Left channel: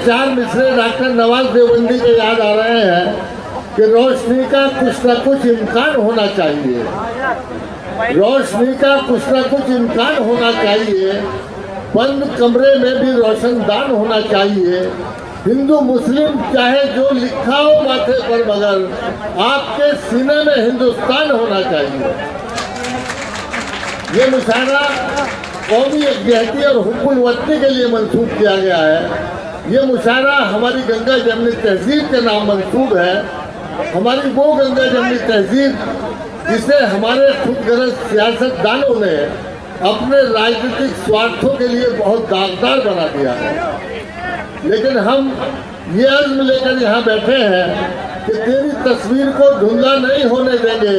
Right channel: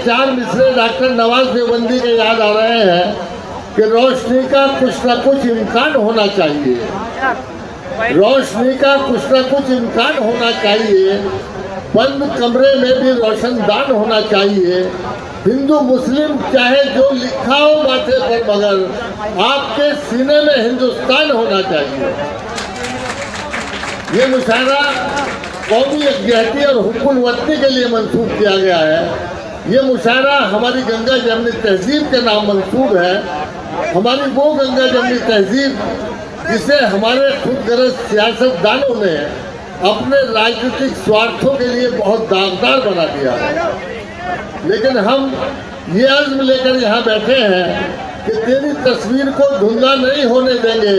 चार मिसरे डॉक्टर नवाज देवबंदी के याद आ रहे हैं कि रोशनी का कुछ न कुछ इम्कान होना चाहिए, रोशनी का कुछ न कुछ इम्कान होना चाहिए, बंद कमरे में भी रोशनदान होना चाहिए। हिंदू मुस्लिम चाहे जो लिखा हो माथे पर, मगर आपके सीने में हिंदुस्तान होना चाहिए। ये मुशायरा कौमी यकजहती और हुक्कुल वतनी के लिए मंसूब किया गया है। ये मुशायरा हमारी गंगा जमनी तहजीब के नाम मंसूब है। हमारी वो गंगा जमनी तहजीब जिसे हमारे खुदगर्ज सियासतदानों ने अपने राजनीतिक स्वार्थों के लिए बहुत दागदार बना दिया है। लेकिन हम ये अज़्म लेकर यहाँ बैठे हैं कि तेरी तस्वीर को धुंधला नहीं होने देंगे,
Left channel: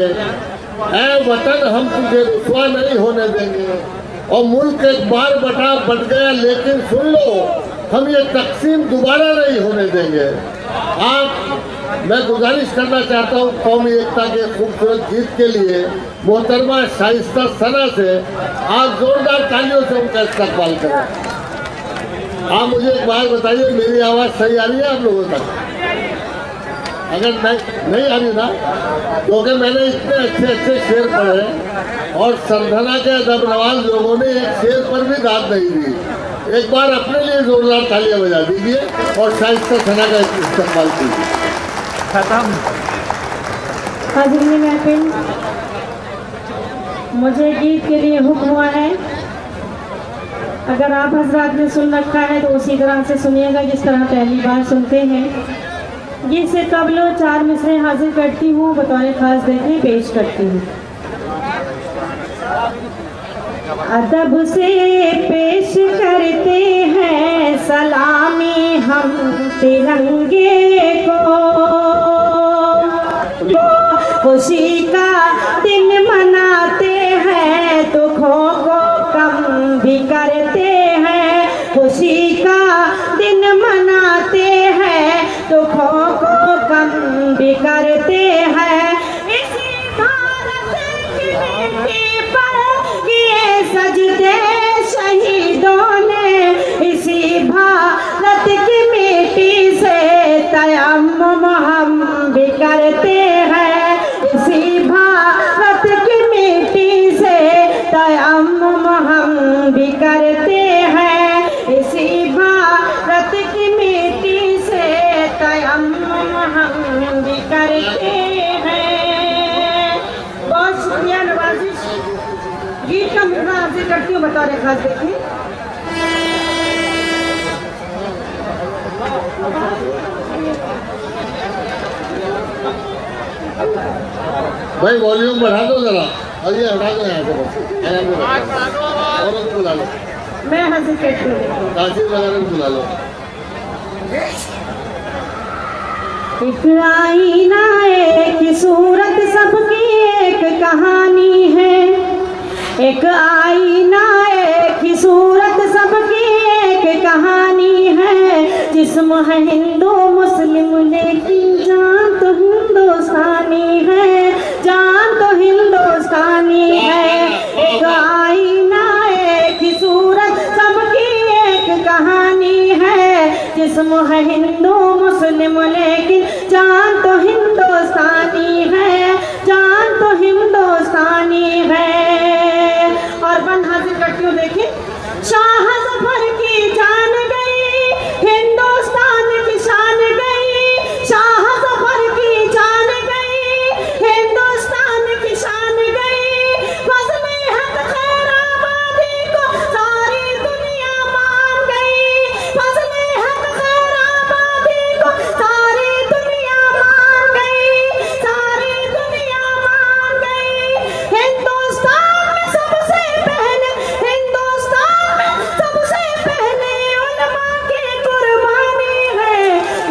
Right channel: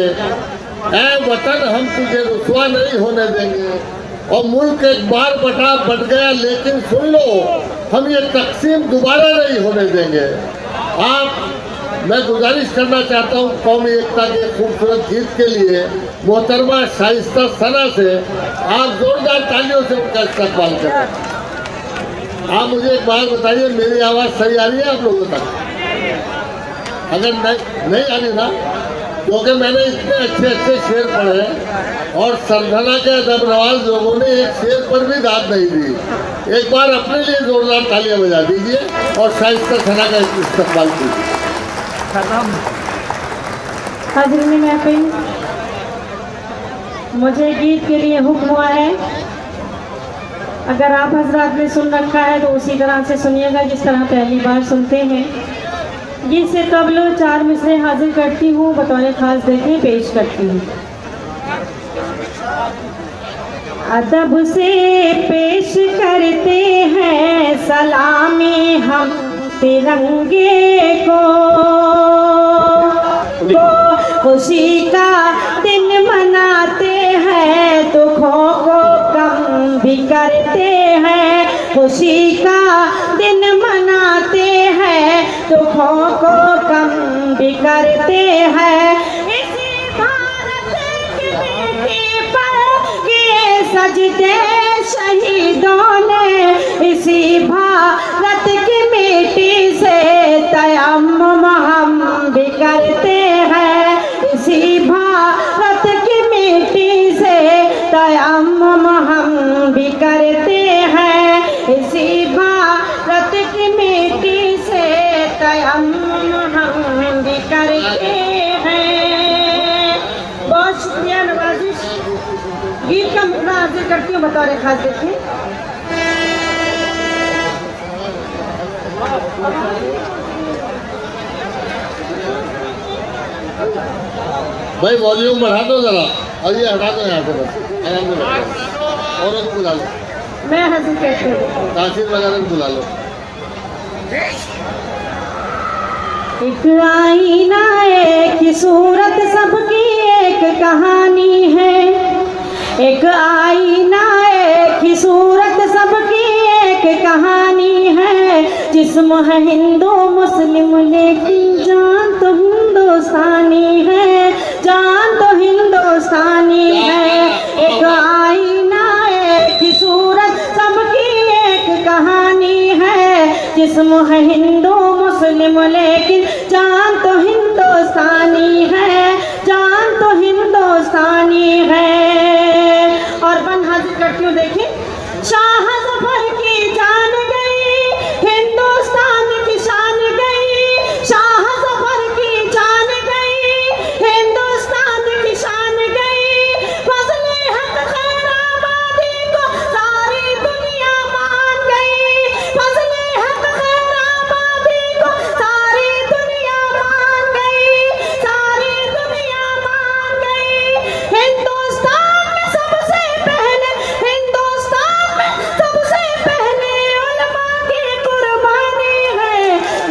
ऐ वतन हम तुझे रुसवा नहीं होने देंगे। और मुल्क एक बार बट गया, लेकिन सुन लो, हम ये तकसीम दोबारा नहीं होने देंगे। मैं गुजारिश करना चाहता हूँ कौमी एकता के खूबसूरत गीत के लिए मोहतरमा शाइस्ता सना से आप जोरदार तालियों से उनका इस्तकबाल करें। आप मुझे एक बात बताइए, मेरी आवाज़ सही आ रही है आप लोगों तक? अगर नहीं आ रही ना, क्योंकि मैंने इतने अच्छे शेर पढ़े और संधना के अदब नवाज लोगों ने एक शेर पर भी दाद नहीं दी। एक बार अपने लिए जोरदार तालियां बजा दीजिए और शाइस्ता सना का इस्तेमाल कीजिए। हाज़िरीन महफिल, मुझे गीत के लिए हुक्म हुआ है। अगर आप हजरात ने सुन रखा है तो उसी तरह से सुनिएगा जिस तरह पहली बार सुनते हैं। गीत से कबलो चार मिसरे हाजिर करती हूँ, बतौर खास देखें पेश करती हूँ। अदब से पेश करते हैं सलामी हम तिरंगे को, खुशी का दिन मनाते हैं, दुखों को कम भी करते हैं। खुशी का दिन मनाते हैं, दुखों को कम भी करते हैं। इसी भारत की मिट्टी पर ये सजदे शहीदों ने, इसी भारत की मिट्टी से तयम्मुम हम भी करते हैं। इसी भारत की मिट्टी से तयम्मुम हम भी करते हैं। इसी भारत की मिट्टी से तयम्मुम हम भी करते हैं। बहुत शुक्रिया नवाजिश। गीत का मुद्दा अर्ज करती हूँ, बता रहे खास देखिए। भाई वॉल्यूम बढ़ा दो जरा, और ये हटा दो यहाँ से, बस आराम से बैठो। और एक बुला लो, मैं हंसी करती हूँ, तासीर वगैरह को बुला लो। एक आईना एक सूरत सबकी एक कहानी है। एक आईना एक सूरत सबकी एक कहानी है। जिस्म है हिंदू मुस्लिम लेकिन जान तो हिंदुस्तानी है, जान तो हिंदुस्तानी है। एक आईना एक सूरत सबकी एक कहानी है। जिस्म है हिंदू मुस्लिम लेकिन जान तो हिंदुस्तानी है, जान तो हिंदुस्तानी है। और बन हाजिर करती हूँ, देखिए। शाह जफर की जान गई, हिंदुस्तान की शान गई। शाह जफर की जान गई, हिंदुस्तान की शान गई। फजले हक खैराबादी को सारी दुनिया मान गई। फजले हक खैराबादी को सारी दुनिया मान गई, सारी दुनिया मान गई। हिंदुस्तान में सबसे पहले, हिंदुस्तान में सबसे पहले उलमा की कुर्बानी है।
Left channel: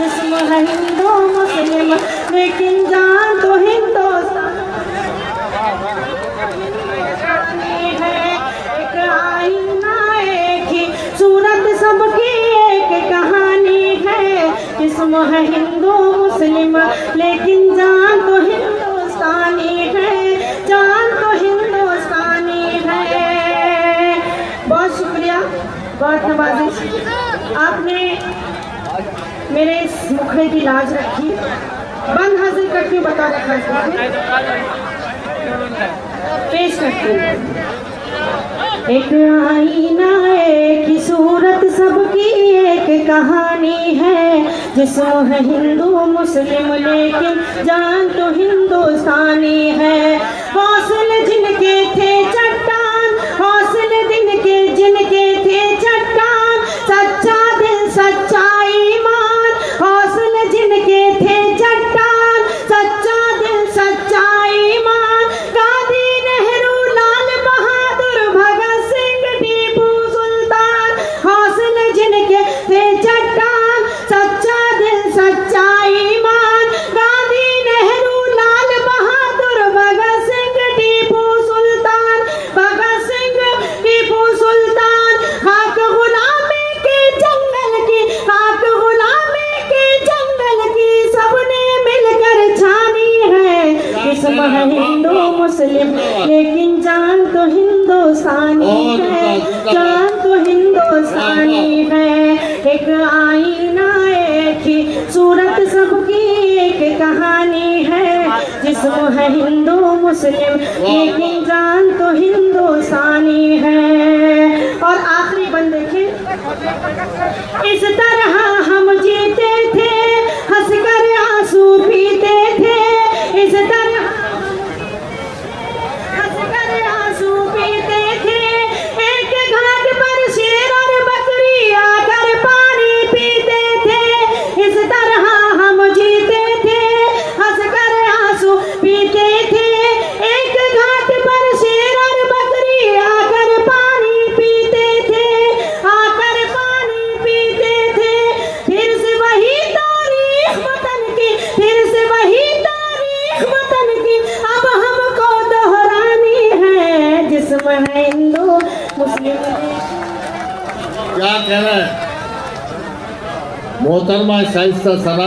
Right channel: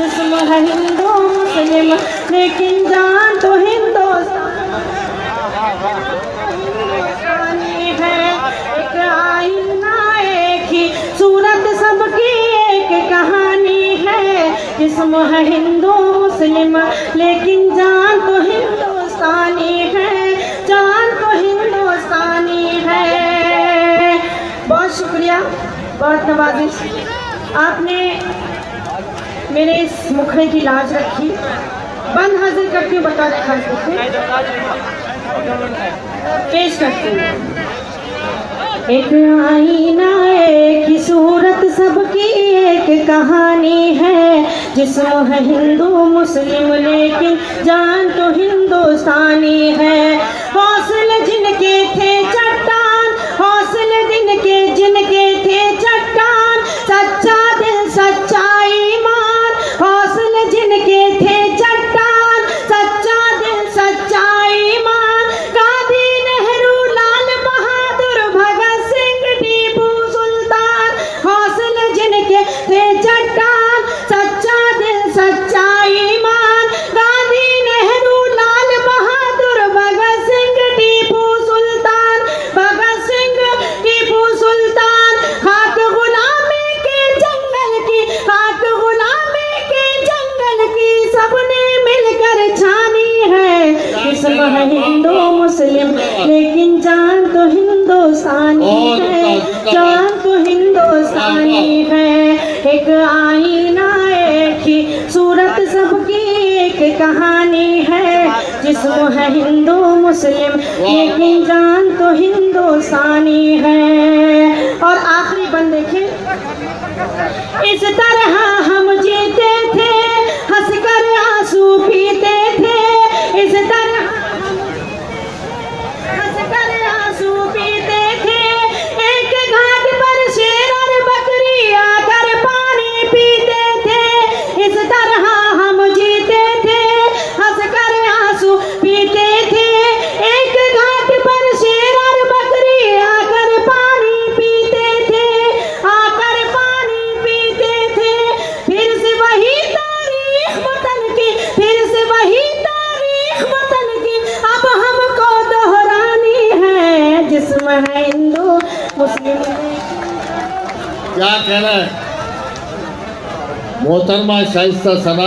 इसमें है हिंदू मुस्लिम लेकिन जान तो हिंदुस्तानी है। एक आईना एक ही सूरत सबकी एक कहानी है। इसमें है हिंदू मुस्लिम लेकिन जान तो हिंदुस्तानी है, जान तो हिंदुस्तानी है। बहुत शुक्रिया, बहुत नवाजिश। आपने मेरे इस मुखड़े की लाज रखी। बंद हाजिर करती हूँ बतौर खास पेश करती हूँ। एक आईना की सूरत सबकी एक कहानी है, जिसमें है हिंदू मुस्लिम लेकिन जान तो हिंदुस्तानी है। हौसले जिनके थे चट्टान, हौसले जिनके थे चट्टान, सच्चा दिल सच्चा ईमान। हौसले जिनके थे चट्टान, सच्चा दिल सच्चा ईमान। गांधी नेहरू लाल बहादुर भगत सिंह टीपू सुल्तान। हौसले जिनके थे चट्टान, सच्चा दिल सच्चा ईमान। गांधी नेहरू लाल बहादुर भगत सिंह टीपू सुल्तान। भगत सिंह टीपू सुल्तान। खाक गुलामी के जंगल की, खाक गुलामी के जंगल की सबने मिलकर छानी है। इसमें है हिंदू मुस्लिम लेकिन जान तो हिंदुस्तानी है, जान तो हिंदुस्तानी है। एक आईना एक ही सूरत सबकी एक कहानी है, जिसमें है हिंदू मुस्लिम लेकिन जान तो हिंदुस्तानी है। और आखिरी बंद देखें। इस तरह हम जीते थे, हंसकर आंसू पीते थे। इस तरह हंसकर आंसू पीते थे। एक घाट पर शेर और बकरी आकर पानी पीते थे। इस तरह हम जीते थे, हंसकर आंसू पीते थे। एक घाट पर शेर और बकरी आकर पानी पीते थे, आकर पानी पीते थे। फिर से वही तारीख वतन की, फिर से वही तारीख वतन की अब हमको दोहरानी है, जिसमें है हिंदू मुस्लिम। क्या कहना है मोहतरमा शाइस्ता सना।